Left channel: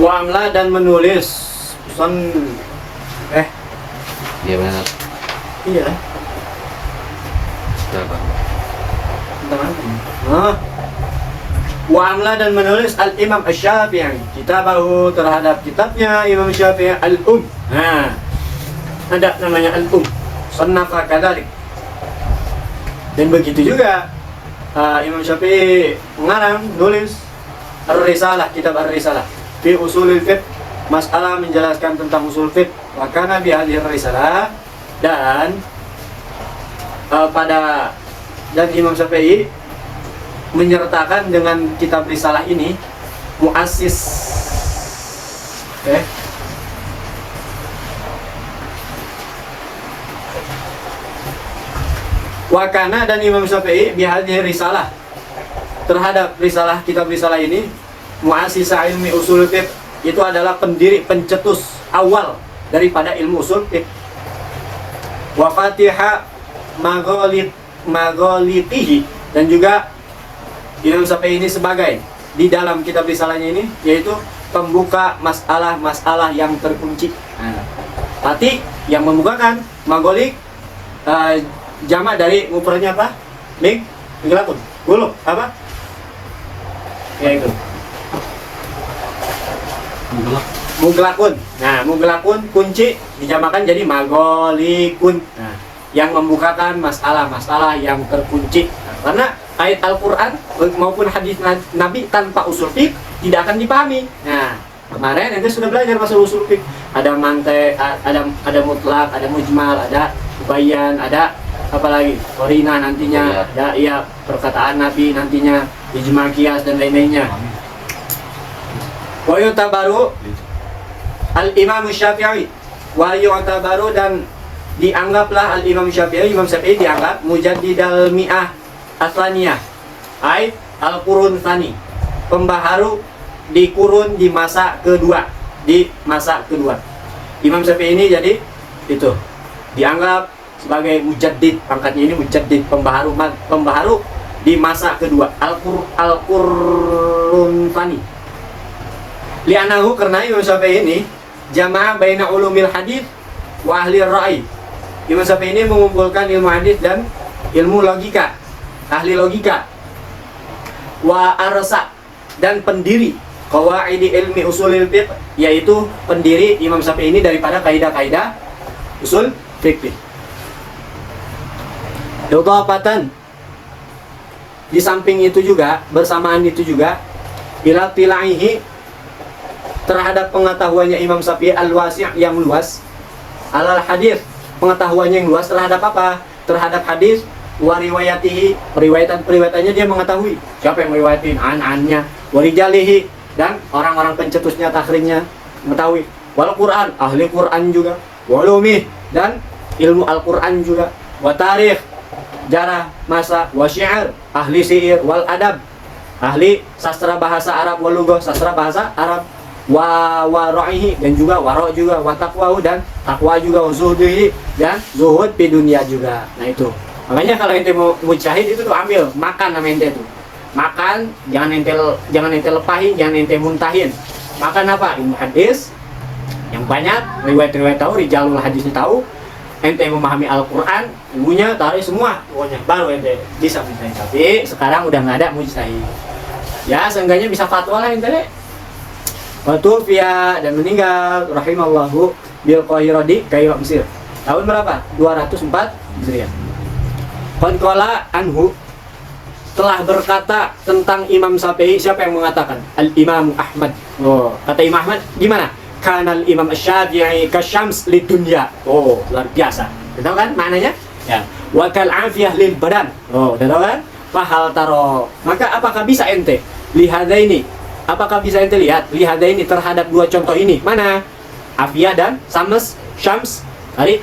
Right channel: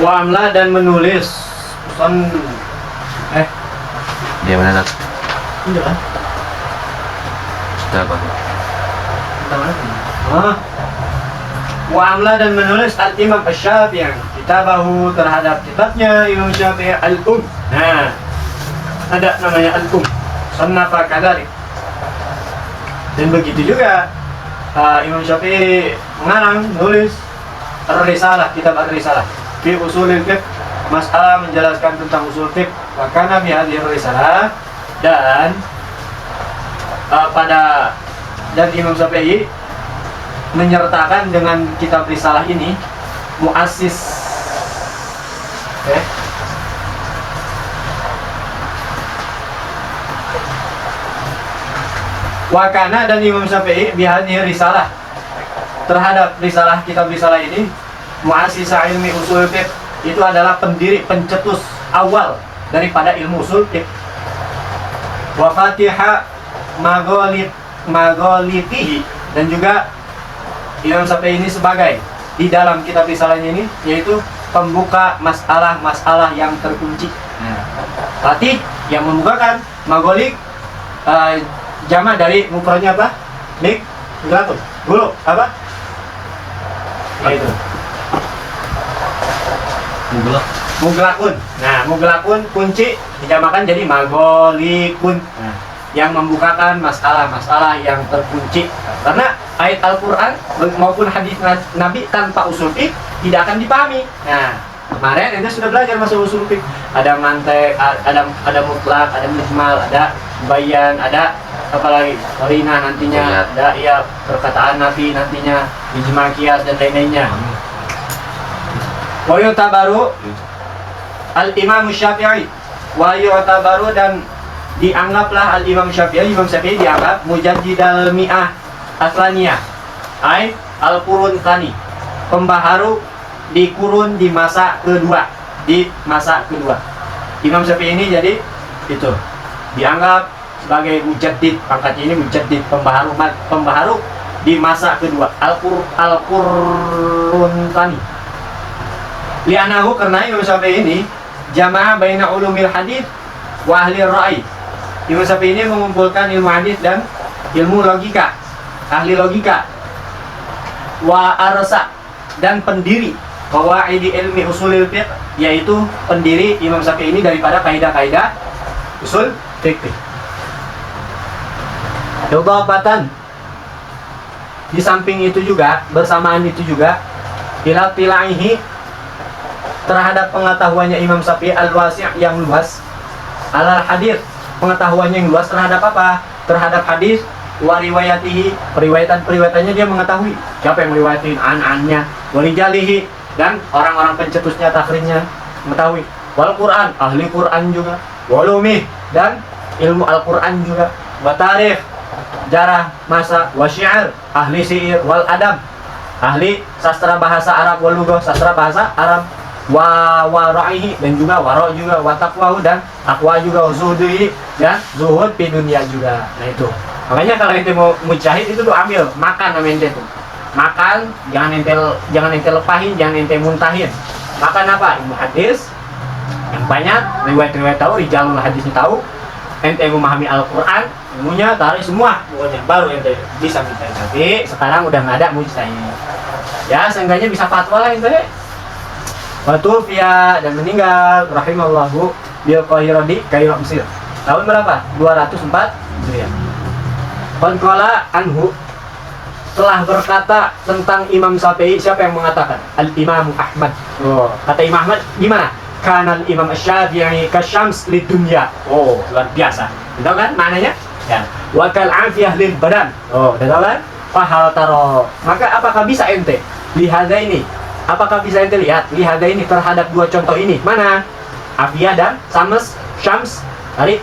Wa'amla dan menulis Dia mana tak? iya Sudah apa? Wa'amla dan menulis Al-Imam Asy-Syafi'i kitabahu terhadap kitabnya Imam Syafi'i Al-Um. Nah, ada namanya Al-Um. Sannafa kadzalik. Dan begitu juga Imam Syafi'i mengarang nulis Ar-Risalah, kitab Ar-Risalah fi usulil fiqh, masalah menjelaskan tentang usul fiqh. Maka Nabi hadhihi Risalah dan dan Imam Syafi'i menyertakan dengan kitab Risalah ini muassis Wakana dan Imam Syafi'i bihadhihi Risalah terhadap Risalah, kitab Risalah ini muassis ilmi usul fiqh, itu adalah pendiri, pencetus awal daripada ilmu usul fiqh. Wa fatiha maghalitihi, dan juga Imam Syafi'i ini sebagai di dalam kitab Risalahnya ini yaitu pembuka masalah-masalah yang terkunci. Fatih yang membukakan, magolik jamak dari mufradnya apa? Miglatun. Guluk apa? Yaitu muglakun. Nah, muglakun kunci dijamakan jadi magolikun. Nah, yang membukakan masalah-masalah yang terkunci. Karena ayat Al-Quran maupun hadis Nabi tanpa usul fiqh tidak akan dipahami. Nah, kemarin ente sudah belajar masalah usul fiqh. Ada mantek, ada mutlak, ada mujmal, ada bayan, ada apalagi qarina nantinya, ada perkataan Nabi nantinya, ijma qiyas dan lain-lainnya. Wa yu'tabaru al-Imam Syafi'i wa yu'tabaru, dan dianggaplah al-Imam Syafi'i dianggap mujaddidal mi'ah atsaniyah, ai al-qurun tsani, pembaharu di kurun di masa kedua, Imam Syafi'i ini jadi itu dianggap sebagai mujaddid, pangkatnya ini mujaddid, pembaharu di masa kedua, al-qurun tsani. Li'anahu, karena Imam Syafi'i ini jamaah baina ulumil hadits wa ahli ra'i. Imam Syafi'i ini mengumpulkan ilmu hadis dan ilmu logika, ahli logika. Wa arsa, dan pendiri qawaidi ilmi usulil fiqh, yaitu pendiri Imam Syafi'i ini daripada kaidah-kaidah usul fikih. Idhafatan, di samping itu juga, bersamaan itu juga, ila tilaihi, terhadap pengetahuannya Imam Syafi'i al-wasi' yang luas, alal hadis, pengetahuannya yang luas terhadap apa? Terhadap hadis, wa riwayatihi, periwayatan-periwayatannya dia mengetahui siapa yang meriwayatin, an-annya, wa rijalihi, dan orang-orang pencetusnya, takhrijnya mengetahui. Wal Quran, ahli Quran juga, walumih, dan ilmu Al-Quran juga, wa tarikh, jarah masa, wa syi'ar, ahli syair, wal adab, ahli sastra bahasa Arab, wal lughah, sastra bahasa Arab, wa ra'ihi, dan juga wara juga, wa taqwahu, dan takwa juga, wa zuhdihi, dan zuhud di dunia juga. Nah itu makanya kalau ente mau mujahid itu tuh ambil makan sama ente tuh, makan, jangan ente lepahin, jangan ente muntahin. Makan apa? Ilmu hadis yang banyak, riwayat-riwayat tahu, rijalul hadis tahu, ente memahami Al-Quran, ilmunya tarik semua pokoknya, baru ente bisa mujtahid. Tapi sekarang udah nggak ada mujtahid, ya seenggaknya bisa fatwa lah ente. Watufiya, dan meninggal rahimallahu bil Qahirah, di Kairo, Mesir, tahun berapa? 204 Hijriah. Qala anhu, telah berkata tentang Imam Syafi'i, siapa yang mengatakan? Al-Imam Ahmad. Oh, kata Imam Ahmad gimana? Kanal Imam Syafi'i kasyams lid dunya. Oh, luar biasa. Tahu kan maknanya? Ya. Wa kal afiyah lil badan. Oh, tahu kan? Fahal taro. Maka apakah bisa ente lihat ini? Apakah bisa ente lihat ini terhadap dua contoh ini? Mana? Afiyah dan syams dari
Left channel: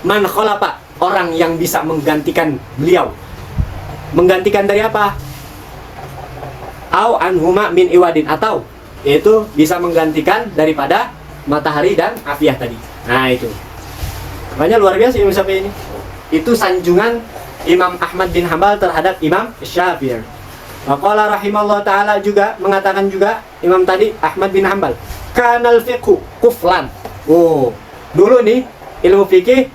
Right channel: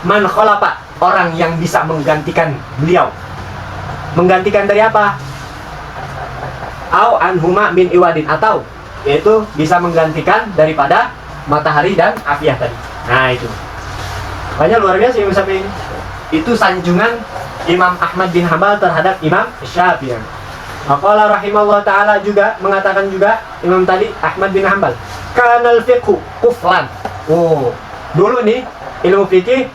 man khalafa, orang yang bisa menggantikan beliau. Menggantikan dari apa? Au anhuma min iwadin, atau yaitu bisa menggantikan daripada matahari dan afiyah tadi. Nah itu makanya luar biasa Imam Syafi'i ini. Itu sanjungan Imam Ahmad bin Hambal terhadap Imam Syafi'i. Maqala rahimahullah ta'ala juga mengatakan juga Imam tadi Ahmad bin Hambal, kanal fiqhu kuflan. Oh, dulu nih ilmu fikih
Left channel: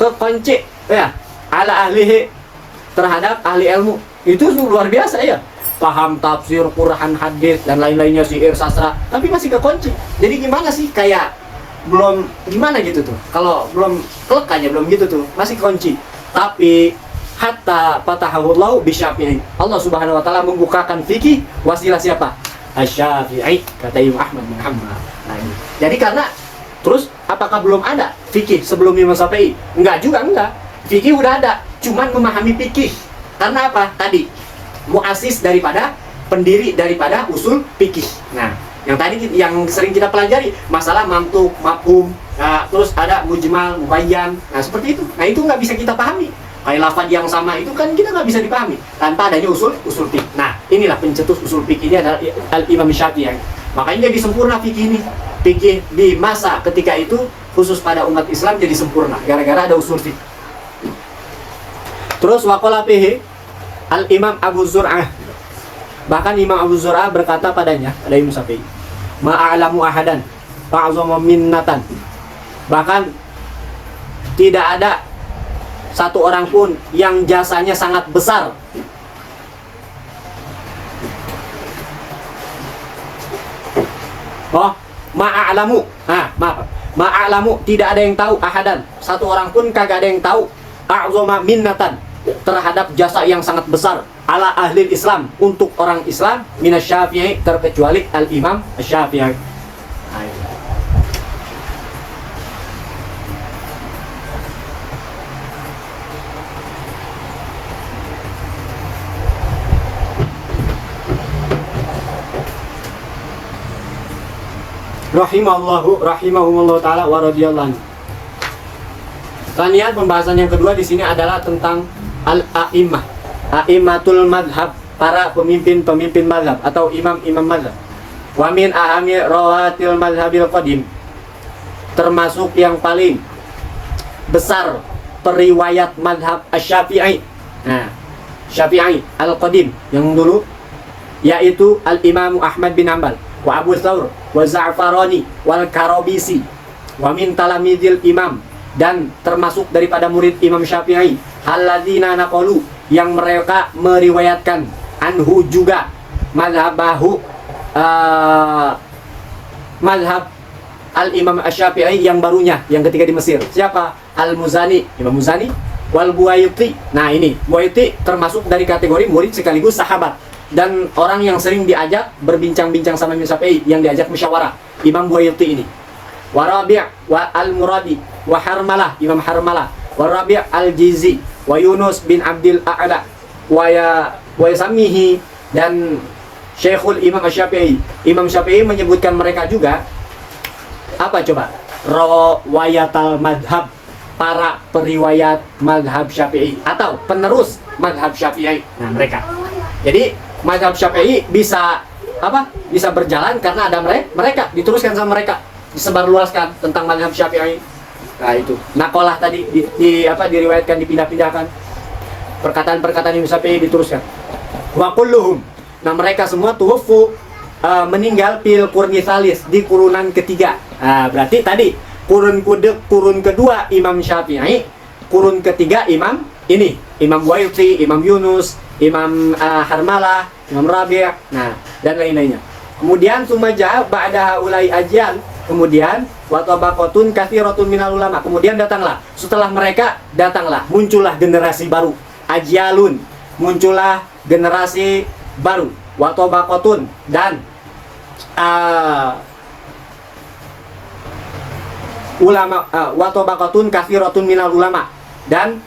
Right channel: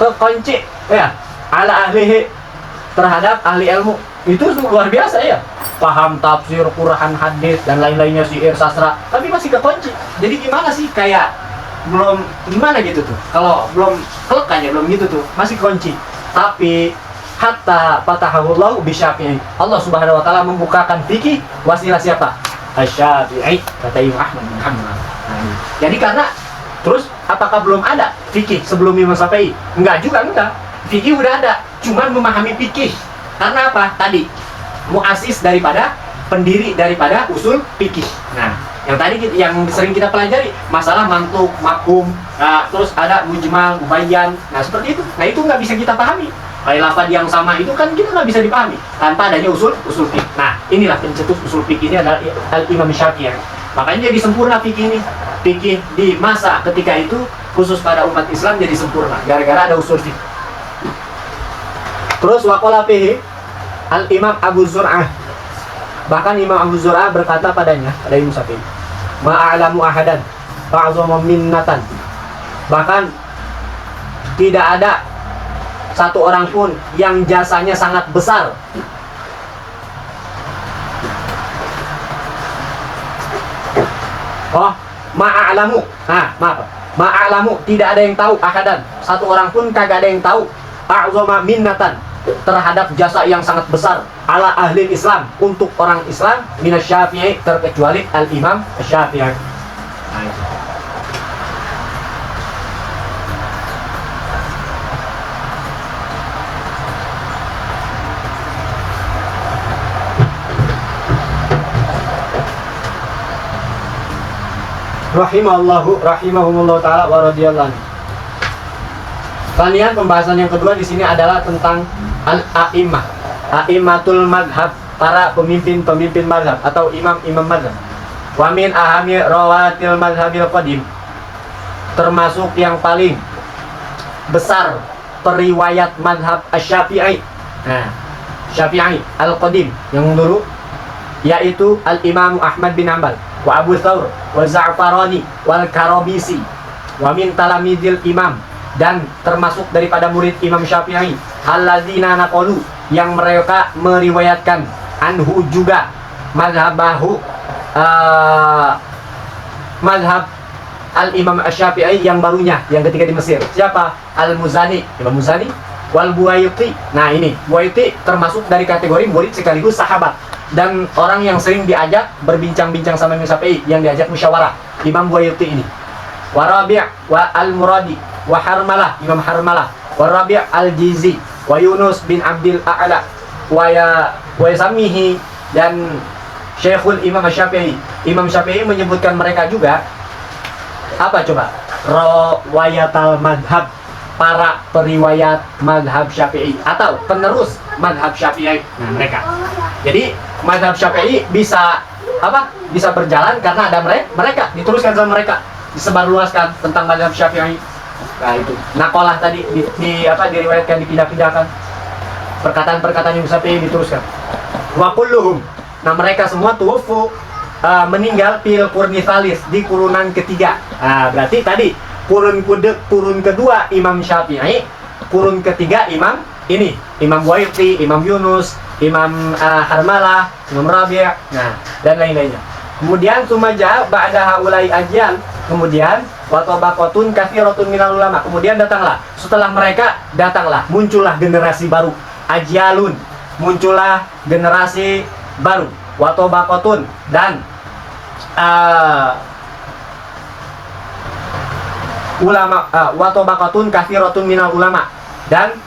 terkunci ya ala ahlihi, terhadap ahli ilmu. Itu luar biasa ya. Paham tafsir, Quran, hadis dan lain-lainnya, syair, sastra, tapi masih kekunci. Jadi gimana sih, kayak belum gimana gitu tuh. Kalau belum kelek aja belum gitu tuh, masih kunci. Tapi hatta fatahahullahu bisyafi'i, Allah subhanahu wa ta'ala membukakan fikih wasilah siapa? Asy-Syafi'i, kata Imam Ahmad bin Hanbal. Nah, ini. Jadi karena terus apakah belum ada fikih sebelum Imam Syafi'i? Enggak juga, enggak. Fikih udah ada, cuman memahami fikih. Karena apa? Tadi muasis daripada, pendiri daripada usul fikih. Nah, yang tadi yang sering kita pelajari masalah mantuk, mafhum, terus ada mujmal, mubayyan. Nah, seperti itu. Nah, itu nggak bisa kita pahami. Kayak lafaz yang sama itu kan kita nggak bisa dipahami tanpa adanya usul fikih. Nah, inilah pencetus usul fikih ini adalah Imam Syafi'i. Makanya jadi sempurna fikih ini. Fikih di masa ketika itu khusus pada umat Islam jadi sempurna gara-gara ada usul fikih. Terus waqala fihi Al-Imam Abu Zur'ah. Bahkan Imam Abu Zur'ah berkata padanya, pada Imam Syafi'i, ma'alamu ahadan fa'azama minnatan. Bahkan tidak ada satu orang pun yang jasanya sangat besar. Oh, ma'alamu. Nah, maaf. Ma'alamu, tidak ada yang tahu ahadan. Satu orang pun kagak ada yang tahu. A'zama minnatan, terhadap jasa yang sangat besar ala ahli Islam, untuk orang Islam, minas Syafi'i, terkecuali Al-Imam Syafi'i. Rahimahumullah ta'ala wa radhiyallahu anhu. Kemudian pembahasan yang kedua di sini adalah tentang al-a'immah, a'immatul madhab, para pemimpin-pemimpin madhab atau imam-imam madhab. Wa min ahami rawatil madhabil qadim, termasuk yang paling besar periwayat madhab asy-Syafi'i. Nah, Syafi'i al-qadim yang dulu, yaitu al-Imam Ahmad bin Hanbal, wa Abu Thawr, wa Za'farani, wal Karabisi, wa min talamidil imam, dan termasuk daripada murid Imam Syafi'i, alladzina naqulu, yang mereka meriwayatkan, anhu juga, madhabahu, madhab al-Imam Syafi'i yang barunya, yang ketika di Mesir. Siapa? Al-Muzani, Imam Muzani, wal Buayyuti. Nah, ini Buayyuti termasuk dari kategori murid sekaligus sahabat dan orang yang sering diajak berbincang-bincang sama Imam Syafi'i, yang diajak musyawarah, Imam Buayyuti ini. Wa Rabi' wa Al-Muradi wa Harmalah, Imam Harmalah, wa Rabi' Al-Jizi, wa Yunus bin Abdil A'la, wa Yasamihi, dan Syekhul Imam Syafi'i. Imam Syafi'i menyebutkan mereka juga apa coba? Rawayatal madhab, para periwayat madhab Syafi'i atau penerus madhab Syafi'i. Nah, mereka. Jadi madhab Syafi'i bisa apa? Bisa berjalan karena ada mereka, diteruskan sama mereka, disebarluaskan tentang madhab Syafi'i. Nah, itu naqalah tadi diriwayatkan, dipindah-pindahkan, perkataan-perkataan Imam Syafi'i diteruskan. Wa kulluhum, nah mereka semua tuwaffu, meninggal fil qurni tsalis, di kurunan ketiga. Nah, berarti tadi kurun kedua Imam Syafi'i, kurun ketiga Imam ini, Imam Buayyuti, Imam Yunus, Imam Harmalah, Imam Rabi', nah dan lain-lainnya. Kemudian sumaja ba'da haulai ajal, kemudian wa tabaqatun katsiratun minal ulama, kemudian setelah mereka muncullah generasi baru, ajalun, muncullah generasi baru, wa tabaqatun, dan ulama, wa tabaqatun katsiratun minal ulama, dan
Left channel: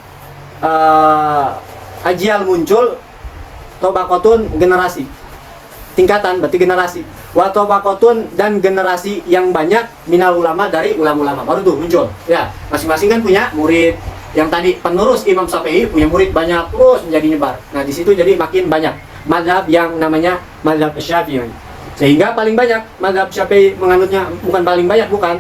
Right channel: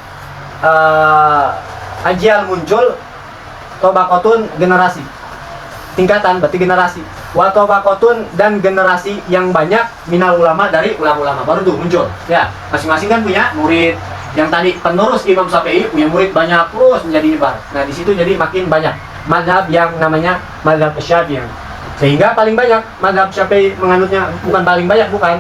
ajal muncul, tabaqatun generasi, tingkatan berarti generasi, wa tabaqatun, dan generasi yang banyak, minal ulama, dari ulama-ulama baru tuh muncul. Ya, masing-masing kan punya murid. Yang tadi penerus Imam Syafi'i punya murid banyak terus menjadi nyebar. Nah, di situ jadi makin banyak mazhab yang namanya mazhab Syafi'i. Sehingga paling banyak mazhab Syafi'i menganutnya, bukan paling banyak, bukan.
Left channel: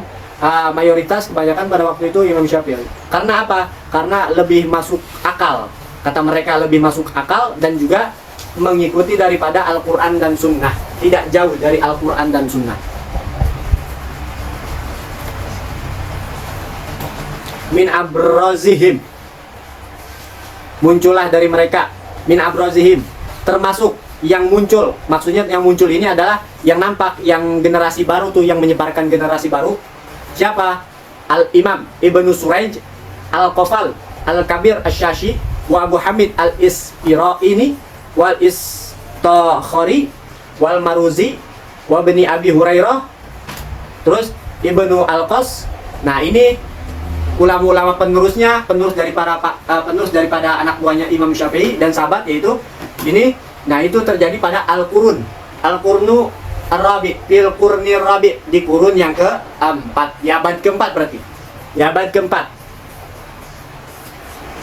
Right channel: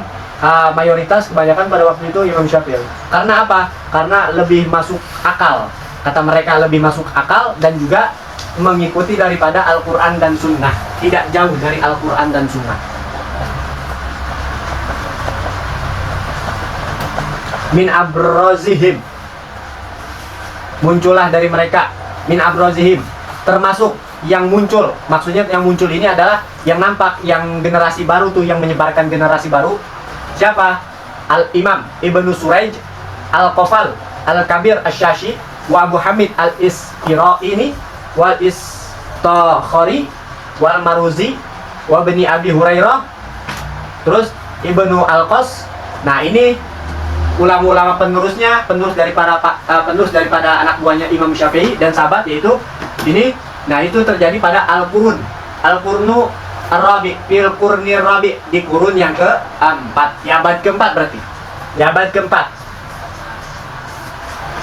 Mayoritas kebanyakan pada waktu itu Imam Syafi'i. Karena apa? Karena lebih masuk akal. Kata mereka lebih masuk akal dan juga mengikuti daripada Al-Quran dan Sunnah, tidak jauh dari Al-Quran dan Sunnah. Min abrazihim, muncullah dari mereka. Min abrazihim, termasuk yang muncul. Maksudnya yang muncul ini adalah yang nampak, yang generasi baru tuh, yang menyebarkan generasi baru. Siapa? Al-Imam Ibnu Suraij Al-Qafal Al-Kabir Asy-Syashi wa Abu Hamid Al-Isqiraini wal Istakhari wal Maruzi wa Bani Abi Hurairah, terus Ibnu Al-Qas. Nah, ini ulama-ulama penerusnya, penerus daripada anak buahnya Imam Syafi'i dan sahabat, yaitu ini. Nah, itu terjadi pada Al-Qurun, Al-Qurnu Ar-Rabi, fil Qurni Rabi, di kurun yang keempat, ya abad keempat berarti, ya abad keempat.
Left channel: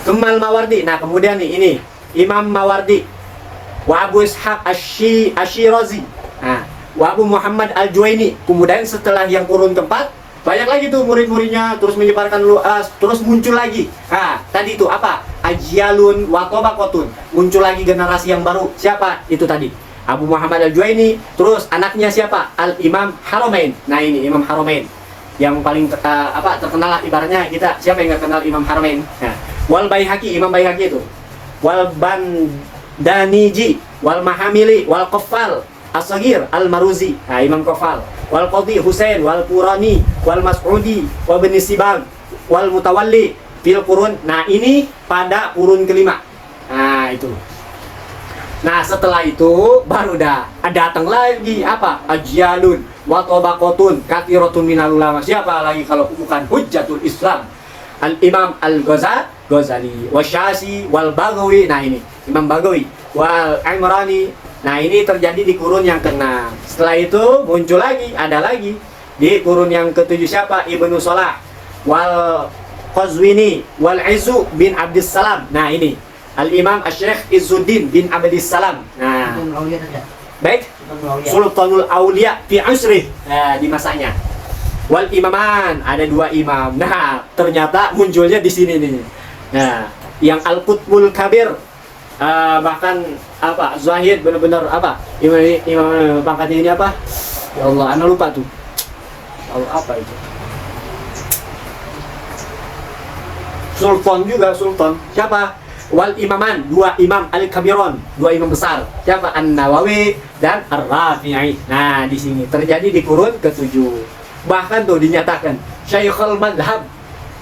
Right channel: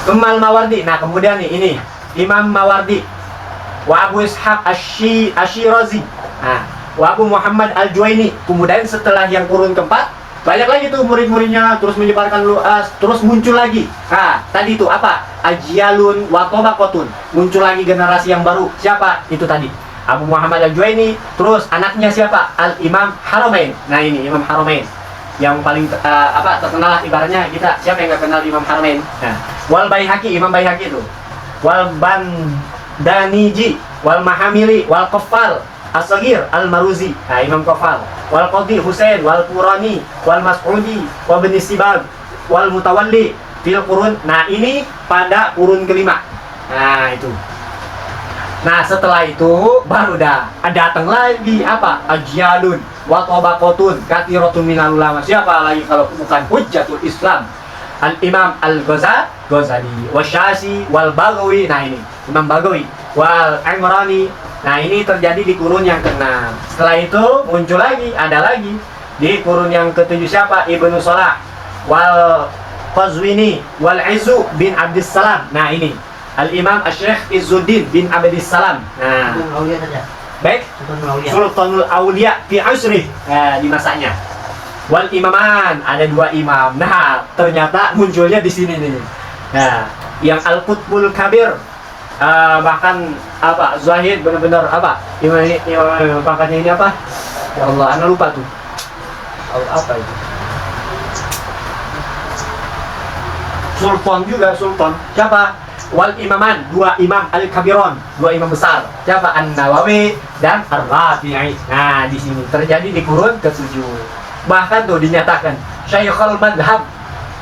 Kemal Mawardi, nah kemudian nih ini Imam Mawardi, wa Abu Ishaq Asyirazi, nah wa Abu Muhammad Al-Juwaini. Kemudian setelah yang kurun keempat, banyak lagi tuh murid-muridnya, terus menyebarkan luas, terus muncul lagi. Nah, tadi itu apa? Ajyalun wa tabaqatun, muncul lagi generasi yang baru. Siapa? Itu tadi Abu Muhammad Al-Juwaini, terus anaknya siapa? Al-Imam Haramain. Nah, ini Imam Haramain yang paling terkenal lah, ibaratnya kita, siapa yang nggak kenal Imam Haramain? Nah, wal Baihaqi, Imam Baihaqi itu, wal Bandaniji, wal Mahamili, wal Qaffal As-Saghir Al-Maruzi, nah Imam Qaffal, wal Qadhi Husain, wal Qurani, wal Mas'udi, wa Bani Sibag, wal Mutawalli fil Qurun. Nah, ini pada kurun kelima. Nah, itu. Nah, setelah itu baru datang lagi apa? Ajyalun wa tabaqatun katsiratun minal ulama. Siapa lagi kalau bukan Hujjatul Islam Al-Imam Al-Ghazali wa Syasi wal Baghawi. Nah, ini Imam Baghawi wal Imrani. Nah, ini terjadi di kurun yang ke-6. Setelah itu muncul lagi, ada lagi di kurun yang ke-7. Siapa? Ibnu Salah wal Qazwini wal Izzu bin Abdissalam. Nah, ini Al-Imam Asy-Syaikh Izzuddin bin Abdissalam. Nah, baik, Sultanul Aulia fi Usri. Nah, di masanya. Wal Imaman, ada 2 imam. Nah, ternyata munculnya di sini nih. Nah, yang Al-Qutbul Kabir, bahkan apa? Zahid benar-benar apa? Imam pangkatnya ini apa? Ya Allah, ana lupa tuh. Apa itu? Sultan juga, Sultan. Siapa? Wal Imaman, 2 imam Al-Kabiron, 2 imam besar. Siapa? An-Nawawi dan Ar-Rafi'i. Nah, di sini terjadi di kurun ke-7. Bahkan tuh dinyatakan Syekhul Madhab,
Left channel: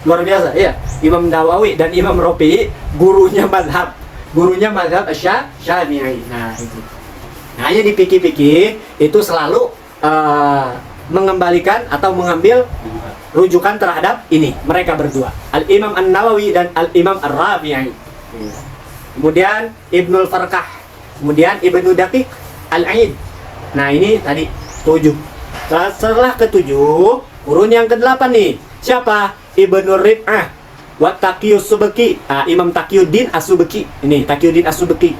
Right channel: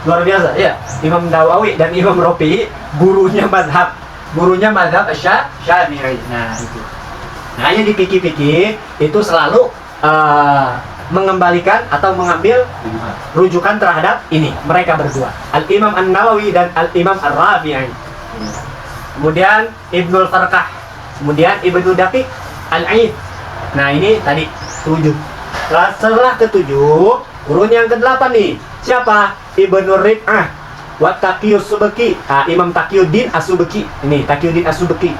luar biasa ya. Imam Nawawi dan Imam Rafi'i gurunya madhab, Syafi'i. Nah, itu. Nah, yang dipikir-pikir itu selalu mengembalikan atau mengambil rujukan terhadap ini, mereka berdua, Al-Imam An-Nawawi dan Al-Imam Ar-Rafi'i. Kemudian Ibnul Farqah, kemudian Ibnu Daqiq Al-Aid. Nah, ini tadi 7. Setelah ke-7, kurun yang ke-8 nih. Siapa? Ibnu Rib'ah wa Taqiyus Subki. Imam Taqiyuddin As-Subki. Ini Taqiyuddin As-Subki.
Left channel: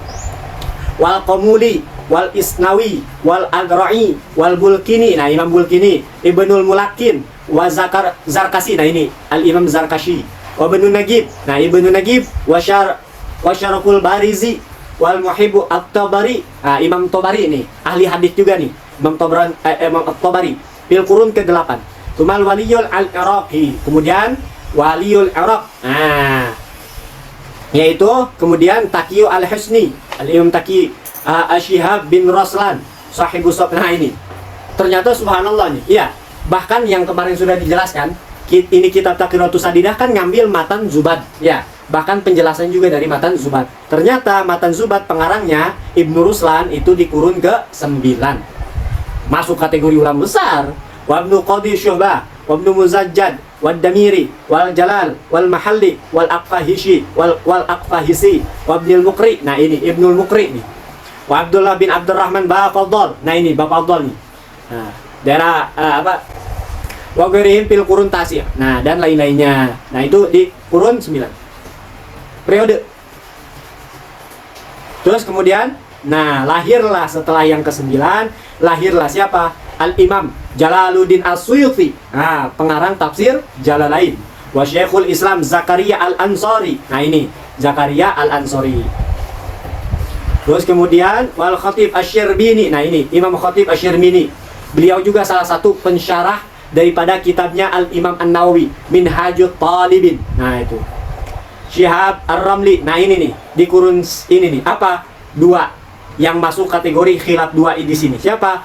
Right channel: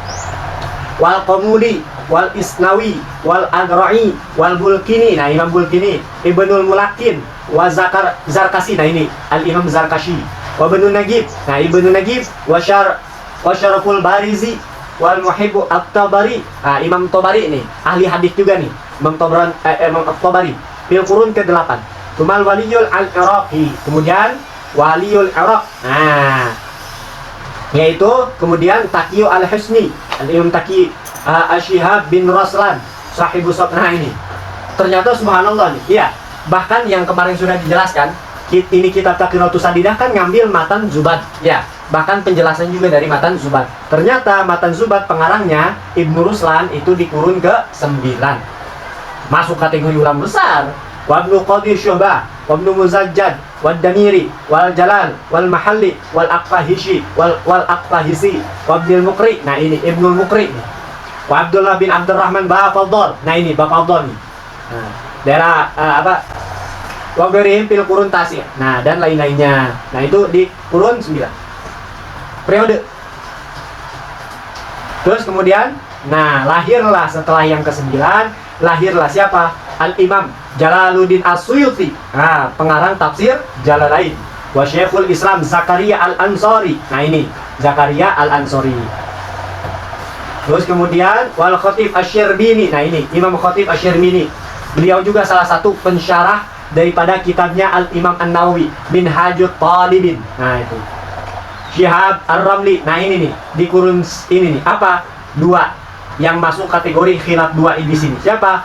Wal Qamuli, wal Isnawi, wal Agra'i, wal Bulkini. Nah, Imam Bulkini, Ibnul Mulakin, wa Zarkasi. Nah, ini Al-Imam Zarkashi. Wa Ibnu Nagib. Nah, Ibnu Nagib wa Syaraful Barizi wal Muhibbu At-Tabari. Imam Tabari ini ahli hadis juga nih. Imam At-Tabari fil qurun ke-8. Kumal Waliyul Al-Iraqi. Kemudian Waliyul Iraq. Nah, yaitu kemudian Taqi Al-Husni, Al-Imam Taqi Asyihab bin Raslan sahibu Sabna. Ini ternyata subhanallah nih. Iya, bahkan yang kemarin sudah dijelaskan, ini kitab Taqiratus Sadidah kan ngambil matan Zubad. Ya, bahkan penjelasan juga dari matan Zubad. Ternyata matan Zubad pengarangnya Ibnu Ruslan itu di kurun ke-9. Masuk kategori ulama besar. Wa Ibnu Qadir Syuhbah, wa Ibnu Muzajjad, wa Damiri, wal Jalal, wal Mahalli, wal Aqfahishi, wal Aqfahisi, wa Ibnul Muqri. Nah, ini Ibnul Muqri nih. Wa Abdullah bin Abdurrahman Bafadhal. Nah, ini Bafadhal nih. Nah, daerah wa ghairihim fil qurun tasir. Nah, dan lain-lainnya. Nah, itu di kurun 9. Periode. Terus kemudian, nah, lahirlah setelah yang ke-9, lahirlah siapa? Al-Imam Jalaluddin As-Suyuti. Nah, pengarang tafsir Jalalain. wa Syekhul Islam Zakaria Al-Ansari. Nah ini Zakaria Al-Ansari. Terus kemudian wal Khatib Asy-Syirbini. Nah ini Imam Khatib Asy-Syirbini. Beliau juga salah satu pensyarah daripada kitabnya Al-Imam An-Nawawi Minhajut Talibin. Nah itu Syihab Ar-Ramli. Nah ini nih di kurun ini nih apa? Dua yang masuk kategori khilaf dua di sini. Siapa?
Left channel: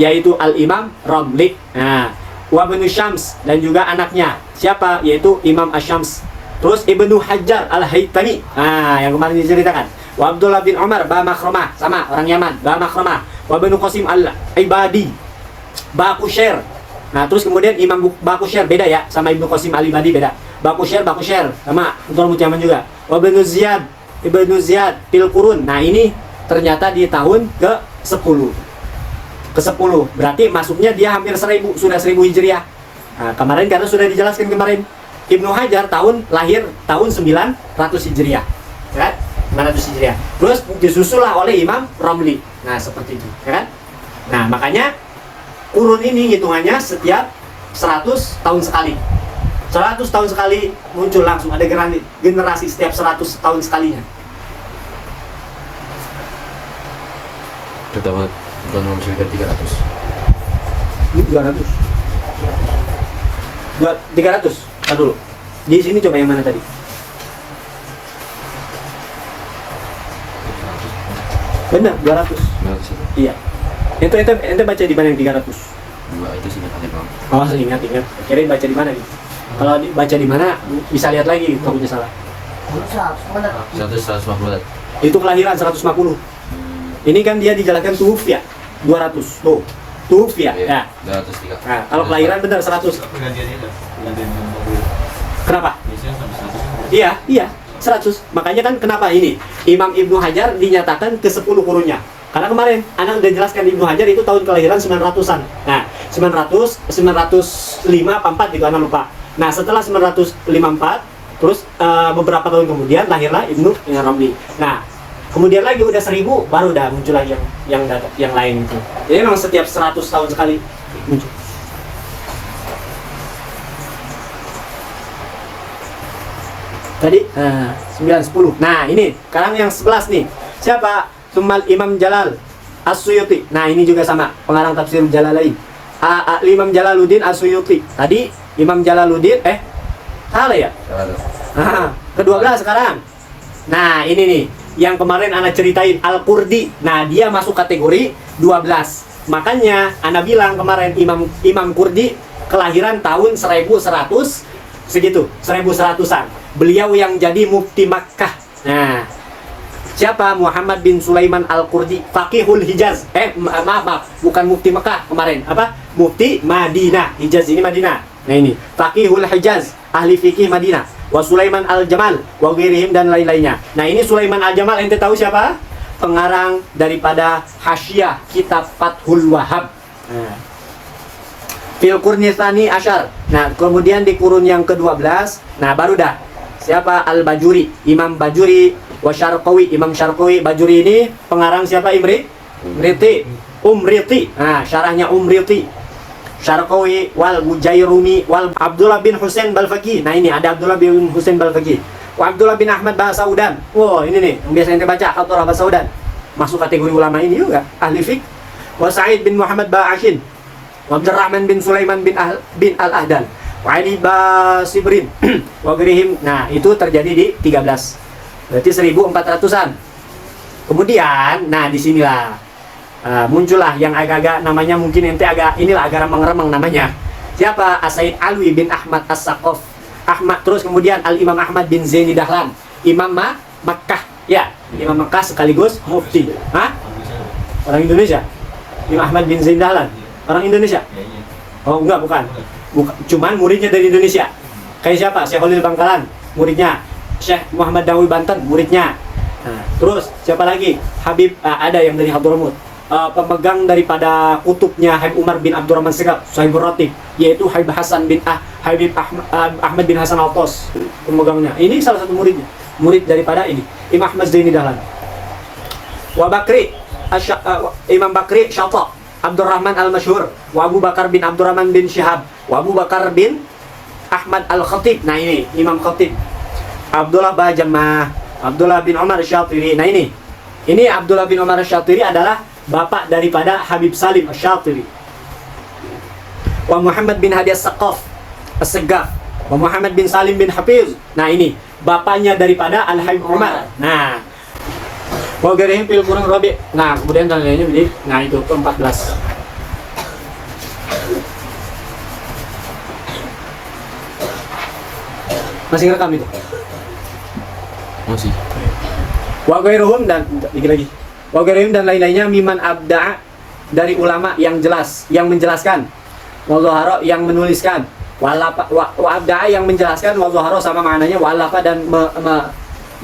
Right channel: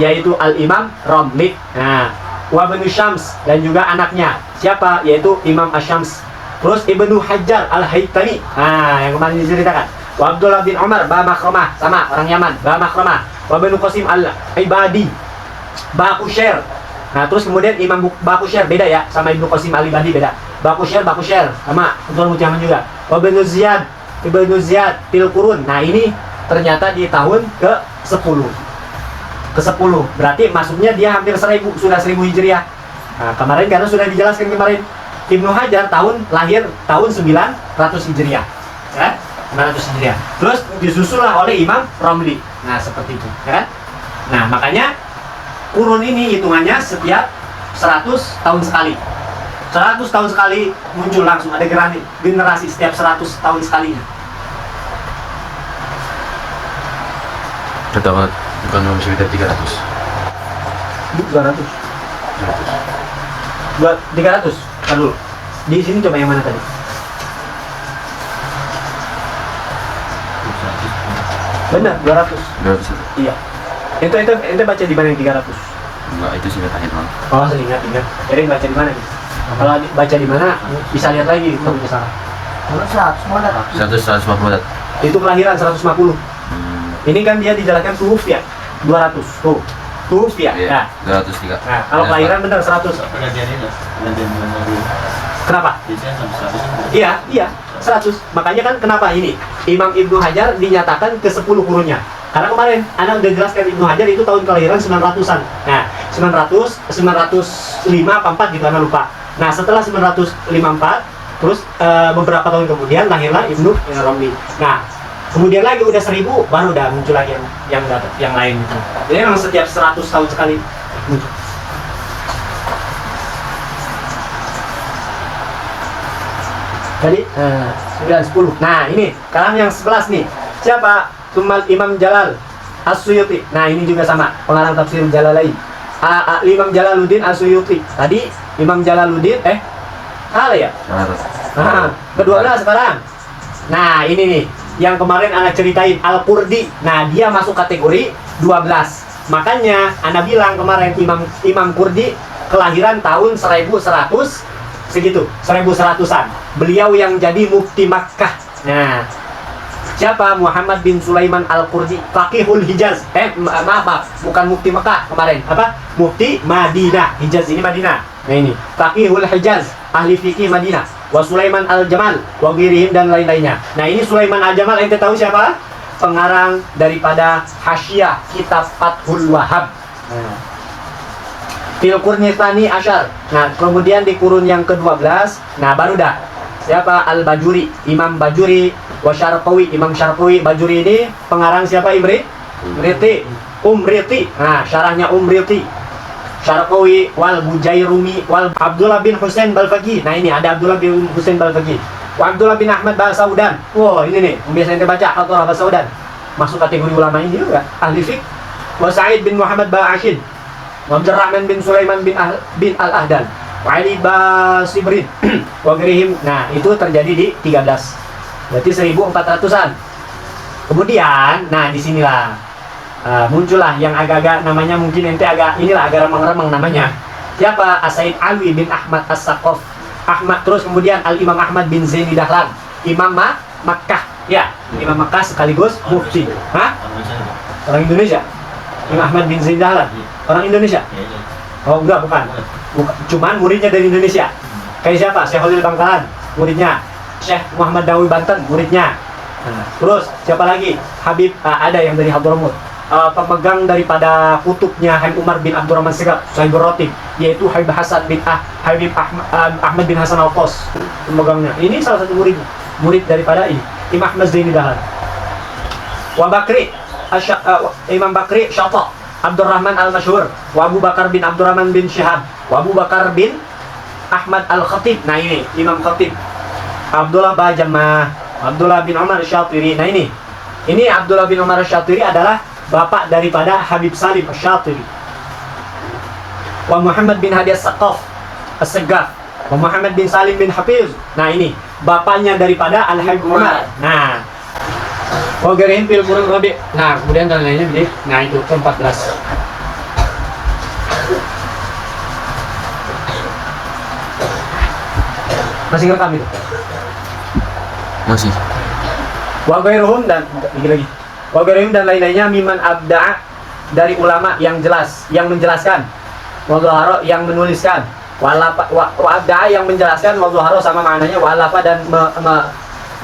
Yaitu Al-Imam Ramli. Nah, wa Ibnu Syams dan juga anaknya. Siapa? Yaitu Imam Asy-Syams. Terus Ibnu Hajar Al-Haytami. Nah, yang kemarin diceritakan. Wa Abdullah bin Umar Ba Makhramah, sama orang Yaman, Ba Makhramah. Wa Ibnu Qasim Al-Ibadi Baqusyair. Nah, terus kemudian Imam Baqusyair beda ya sama Ibnu Qasim Al-Ibadi beda. Baqusyair sama Abdullah bin Yaman juga. Wa Ibnu Ziyad fil Qurun. Nah, ini ternyata di tahun ke-10. Ke-10. Berarti masuknya dia hampir 1000, sudah 1000 Hijriah. Nah, kemarin karena sudah dijelaskan kemarin Ibnu Hajar lahir tahun 900 Hijriah. Ya? 900 Hijriah. Terus disusullah oleh Imam Ramli. Nah, seperti itu, ya kan? Nah, makanya kurun ini hitungannya setiap 100 tahun sekali. 100 tahun sekali muncul langsung ada generasi setiap 100 tahun sekali. Kita bukan nomor sekitar 300. 300. Nah, dulu. Di sini coba yang mana tadi? Benar, 200. 200. Iya. Ente baca di mana yang 300? Enggak, itu singkatannya doang. Oh, ingat. Kirain baca di mana nih? Kalau baca di mana bisa lihat lagi itu bisa salah. 150. Itu kelahiran 150. Ini kan dia dijelaskan tuwfiya 200. Oh, tuwfiya. Iya, Ya. 203. Nah, kalau kelahiran benar 100. Kenapa? Iya, 100. Makanya kan kenapa ini Imam Ibnu Hajar dinyatakan ke-10 kurunnya. Karena kemarin Anda udah jelaskan Ibnu Hajar itu tahun kelahiran 900-an. Nah, 905 apa 4 gitu Anda lupa. Nah, setelah 954 terus beberapa tahun kemudian lahirlah Ibnu Ramli. Nah, kemudian lagi udah 1000 baru udah muncul lagi yang lain gitu. Jadi memang setiap 100 tahun sekali muncul. Tadi 9, 10. Nah ini sekarang yang 11 nih. Siapa? Tumal Imam Jalal As-Suyuti. Nah ini juga sama pengarang tafsir Jalalain. Imam Jalaluddin As-Suyuti. Tadi Imam Jalaluddin salah ya? Nah, ke-12 sekarang. Nah ini nih yang kemarin anak ceritain Al-Qurdi. Nah dia masuk kategori 12. Makanya anak bilang kemarin Imam Qurdi kelahiran tahun 1100 segitu, 1100-an. Beliau yang jadi mufti Makkah. Nah, siapa? Muhammad bin Sulaiman Al-Qurdi, Faqihul Hijaz. Maaf, bukan mufti Makkah kemarin. Apa? Mufti Madinah. Hijaz ini Madinah. Nah ini, Faqihul Hijaz, ahli fikih Madinah. Wa Sulaiman Al-Jamal, wa ghairihim dan lain-lainnya. Nah, ini Sulaiman Al-Jamal ente tahu siapa? Pengarang daripada Hasyiah kitab Fathul Wahhab. Nah, fil Qurni Tsani Asyar. Nah, kemudian di kurun yang ke-12, nah baru dah. Siapa? Al-Bajuri, Imam Bajuri, wa Syarqawi, Imam Syarqawi. Bajuri ini pengarang siapa? Umriti. Nah, syarahnya Umriti. Syarqawi wal Bujairumi wal Abdullah bin Husain Balfaqi. Nah, ini ada Abdullah bin Husain Balfaqi. Wa Abdullah bin Ahmad Basaudan. Wah, ini nih, yang biasa kita baca Abdullah Basaudan. Masuk kategori ulama ini juga, ahli fiqh. Wa Sa'id bin Muhammad Ba'ashin. Abdurrahman bin Sulaiman bin Al-Ahdan, Ali Basibrin, Wagrihim. Nah, itu terjadi di 13. Berarti 1400-an. Kemudian, nah disinilah muncullah yang agak-agak namanya mungkin ente agak remang-remang namanya. Siapa? As-Said Alwi bin Ahmad As-Saqaf. Terus kemudian Al-Imam Ahmad bin Zaini Dahlan, Imam Makkah. Ya, Imam Makkah sekaligus mufti. Orang Indonesia. Imam Ahmad bin Zaini Dahlan. Orang Indonesia? Oh enggak, bukan. Cuman muridnya dari Indonesia. Kayak siapa? Syekh Khalil Bangkalan, muridnya. Syekh Muhammad Dawi Banten, muridnya. Nah, terus siapa lagi? Habib, ada yang dari Hadramut. Pemegang daripada kutubnya Habib Umar bin Abdurrahman Segaf, Sahibur Ratib, yaitu Habib Ahmad bin Hasan Al-Tos, pemegangnya. Ini salah satu murid daripada ini, Imam Ahmad Zaini Dahlan. Imam Bakri Syata Abdurrahman Al-Masyhur, wa Abu Bakar bin Abdurrahman bin Syihab, wa Abu Bakar bin Ahmad Al-Khatib. Nah ini Imam Khatib. Abdullah Bajamah, Abdullah bin Umar Syatiri. Nah ini Abdullah bin Umar Syatiri adalah bapak daripada Habib Salim Syatiri. Wa Muhammad bin Hadi As-Saqaf As-Segaf. Wa Muhammad bin Salim bin Hafiz. Nah ini bapaknya daripada Al-Habib Umar. Nah, wa garihim fil Qur'an Rabi. Nah, kemudian dan lainnya jadi nah itu ke-14. Masih rekam itu? Masih. Wa ghairuhum dan lagi. Wa ghairuhum dan lain-lainnya miman abda'a dari ulama yang jelas, yang menjelaskan. Wa zahara yang menuliskan. Wa abda'a yang menjelaskan, wa zahara sama maknanya wa alafa dan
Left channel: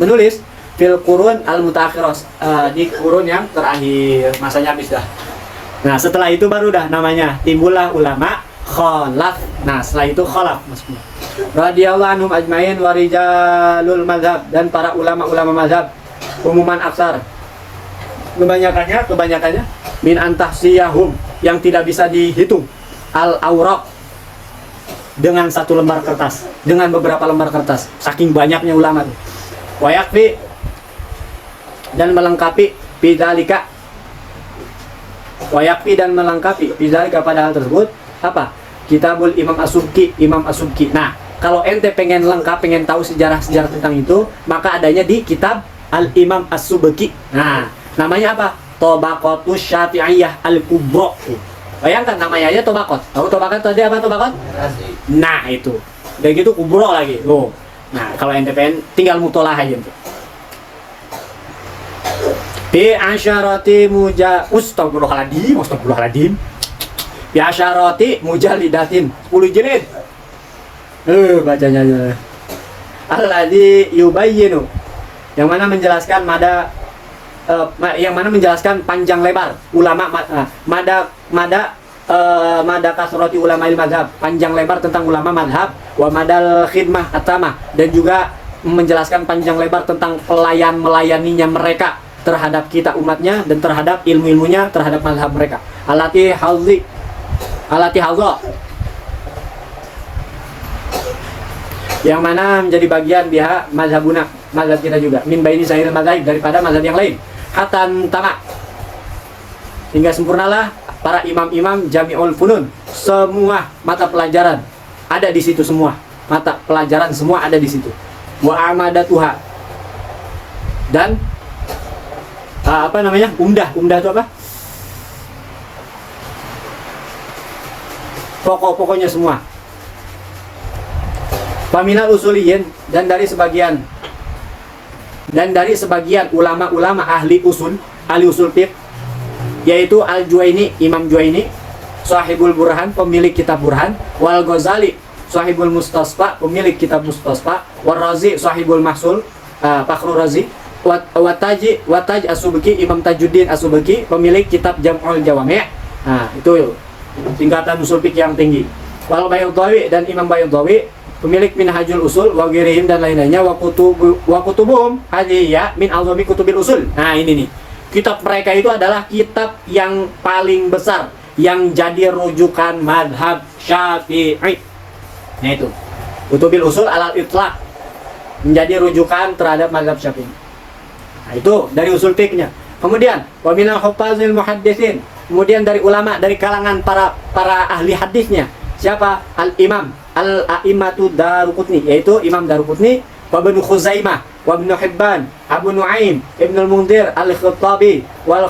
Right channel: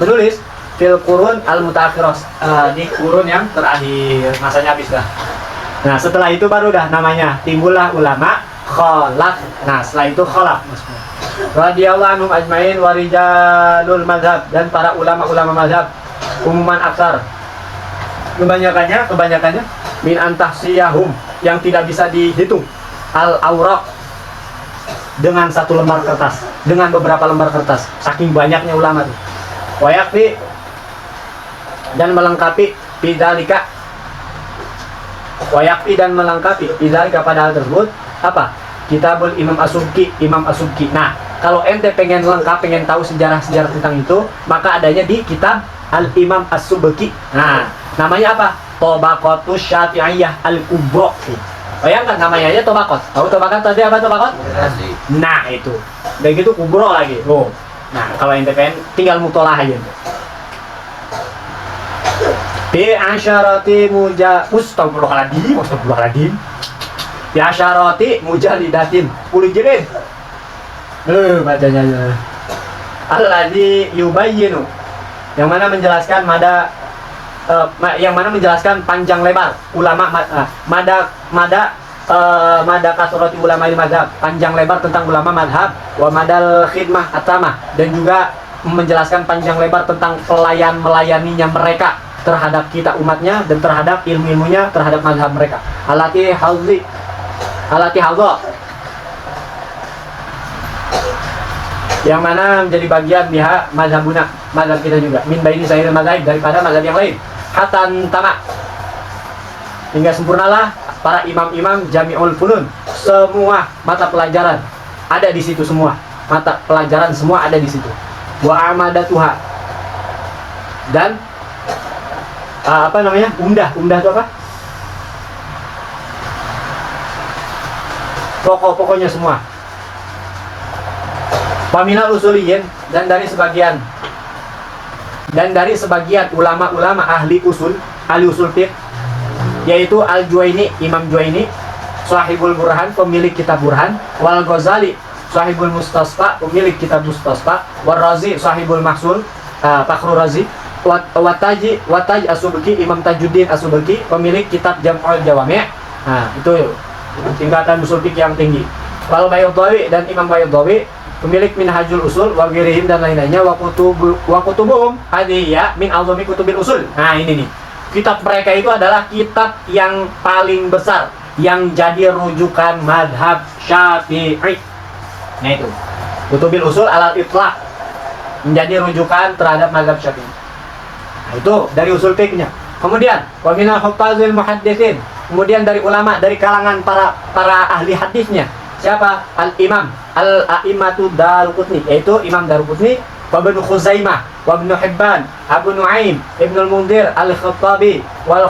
menulis fil qurun al mutaakhirah di kurun yang terakhir, masanya habis lah. Nah, setelah itu baru dah namanya timbullah ulama khalaf. Nah, setelah itu khalaf. Radhiyallahu anhum ajmain wa rijalul mazhab dan para ulama-ulama mazhab umuman aksar kebanyakannya min antahsiyahum yang tidak bisa dihitung al awraq dengan satu lembar kertas, dengan beberapa lembar kertas, saking banyaknya ulama itu. Wa yakfi dan melengkapi bidzalika, wa yakfi dan melengkapi bidzalika pada hal tersebut apa? Kitabul Imam As-Subki, Imam As-Subki. Nah, kalau ente pengen lengkap, pengen tahu sejarah-sejarah tentang itu, maka adanya di kitab Al-Imam As-Subki. Nah, namanya apa? Tabaqatus Syafi'iyah Al-Kubra. Bayangkan namanya aja Tabaqat. Tahu Tabaqat tadi apa Tabaqat? Nah, itu. Dan gitu Kubra lagi. Oh. Nah, kalau ente pengen tinggal mutolaah aja. Bi asyarati Astagfirullahaladzim. Ya syarati mujalidatin 10 jilid. Bacanya aja. Alladzi yubayyinu yang mana menjelaskan menjelaskan panjang lebar ulama mada kasrati ulama mazhab, panjang lebar tentang ulama madhab, wa madal khidmah atama dan juga menjelaskan panjang lebar tentang melayaninya mereka terhadap kita umatnya dan terhadap ilmu-ilmunya terhadap mazhab mereka. Alati hadza yang mana menjadi bagian biha mazhabuna, mazhab kita juga min baini sahir mazhab daripada mazhab yang lain hatan tama hingga sempurnalah para imam-imam jami'ul funun, semua mata pelajaran ada di situ, semua mata pelajaran semua ada di situ. Wa amadatuha dan umdah itu apa? Pokok-pokoknya semua. Paminal usuliyin dan dari sebagian ulama-ulama ahli usul fiqh, yaitu Al-Juwaini, Imam Juwaini, Sahibul Burhan, pemilik kitab Burhan, wal Ghazali, Sahibul Mustasfa, pemilik kitab Mustasfa, wal Razi, Sahibul Mahsul, Fakhrul Razi, Wataj As-Subki, Imam Tajuddin As-Subki, pemilik kitab Jam'ul Jawami'. Nah, itu tingkatan usul fiqh yang tinggi. Wal Baydawi dan Imam Baydawi, pemilik Minhajul Usul wa ghairihim dan lain-lainnya, wa kutubuhum hadhiya min azami kutubil usul. Nah, ini nih. Kitab mereka itu adalah kitab yang paling besar yang jadi rujukan madhab Syafi'i. Nah, itu. Kutubil Usul alal itlaq menjadi rujukan terhadap madhab Syafi'i. Nah, itu dari usul fiqhnya. Kemudian wa minal huffazil muhadditsin, kemudian dari ulama dari kalangan para ahli hadisnya. Siapa? Al-Imam Al-A'immatu Daruqutni, yaitu Imam Daruqutni, wa Ibnu Khuzaimah, wa Ibnu Hibban, Abu Nuaim, Ibnu Al-Mundhir, Al-Khattabi, wal